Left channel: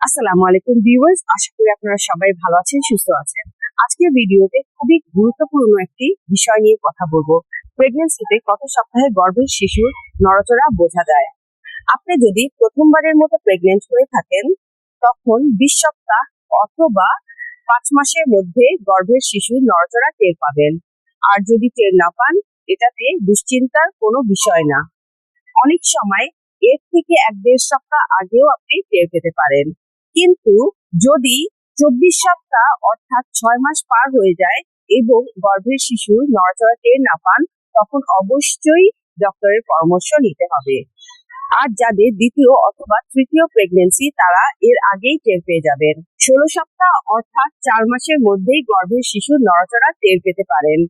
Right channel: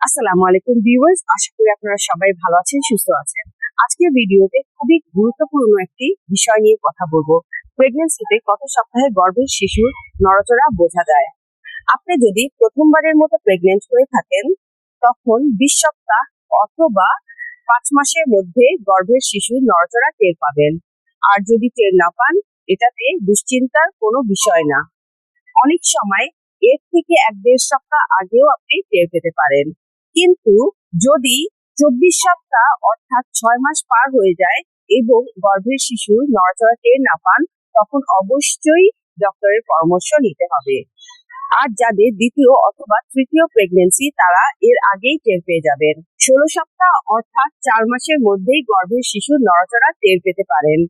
আসসালামু আলাইকুম ভিউয়ার্স, আশা করি আপনারা সবাই ভালো আছেন, সুস্থ আছেন। আজকের ভিডিওতে খুবই গুরুত্বপূর্ণ একটি বিষয় নিয়ে কথা বলব। প্রেগন্যান্সিতে কত সপ্তাহে গর্ভের শিশুর নড়াচড়া বোঝা যায়? আপনি যদি প্রথমবারের মতো প্রেগনেন্ট হয়ে থাকেন, তখন বিশ সপ্তাহ অথবা পাঁচ মাসের মধ্যে গর্ভের শিশুর নড়াচড়া টের পাবেন। আর যদি টের না পান, এটাতে দুশ্চিন্তার কোনো বিষয় না। অনেক সময় এর থেকে এক দেড় সপ্তাহ আগেও আপনি টের পেতে পারেন। কিন্তু যদি চব্বিশ সপ্তাহ অর্থাৎ ছয় মাস পার হয়ে যায় এবং গর্ভের শিশু নড়াচড়া না পান, তখন অবশ্যই ডক্টরের পরামর্শ নিতে হবে। আর যাদের দ্বিতীয় অথবা তৃতীয় প্রেগনেন্সি তারা এর আগেই টের পেয়ে যাবেন। ষোলো সপ্তাহ অর্থাৎ চার মাসের মধ্যেই গর্ভের শিশুর নড়াচড়া টের পেতে পারেন।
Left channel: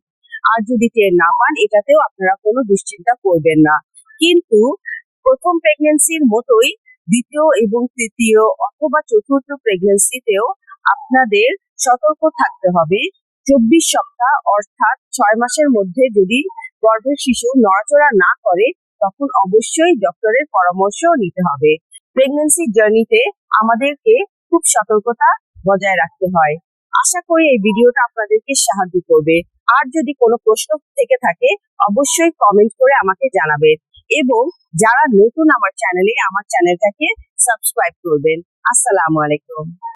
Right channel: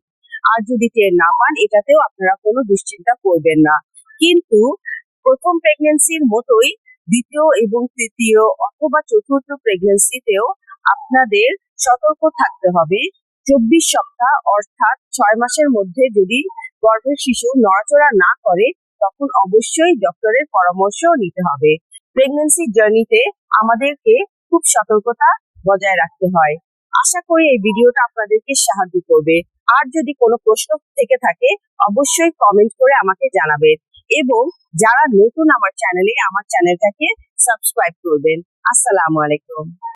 আর যদি টের না পান, এটাতেও আপনারা কোনো দুশ্চিন্তা করবেন না। কিন্তু প্রথম প্রেগনেন্সির মতোই দ্বিতীয় এবং তৃতীয় অথবা চতুর্থ প্রেগনেন্সিতেও আপনাদের সতর্ক থাকতে হবে। চব্বিশ সপ্তাহ অর্থাৎ ছয় মাসের মধ্যে যদি গর্ভের শিশু নড়াচড়া না করে, তখন অবশ্যই ডক্টরের পরামর্শ নিতে হবে। প্রেগনেন্সি জার্নিতে আমাদেরকে খুব সতর্কতা বজায় রাখতে হয়। আশা করি এই ভিডিওটা আপনাদেরকে সাহায্য করবে। আর যদি কোনো প্রশ্ন থেকে থাকে, অবশ্যই কমেন্ট করে আমাকে জানাবেন এবং যারা নতুন আমার চ্যানেলে আমার চ্যানেলটাকে সাবস্ক্রাইব করবেন। আসসালামু আলাইকুম।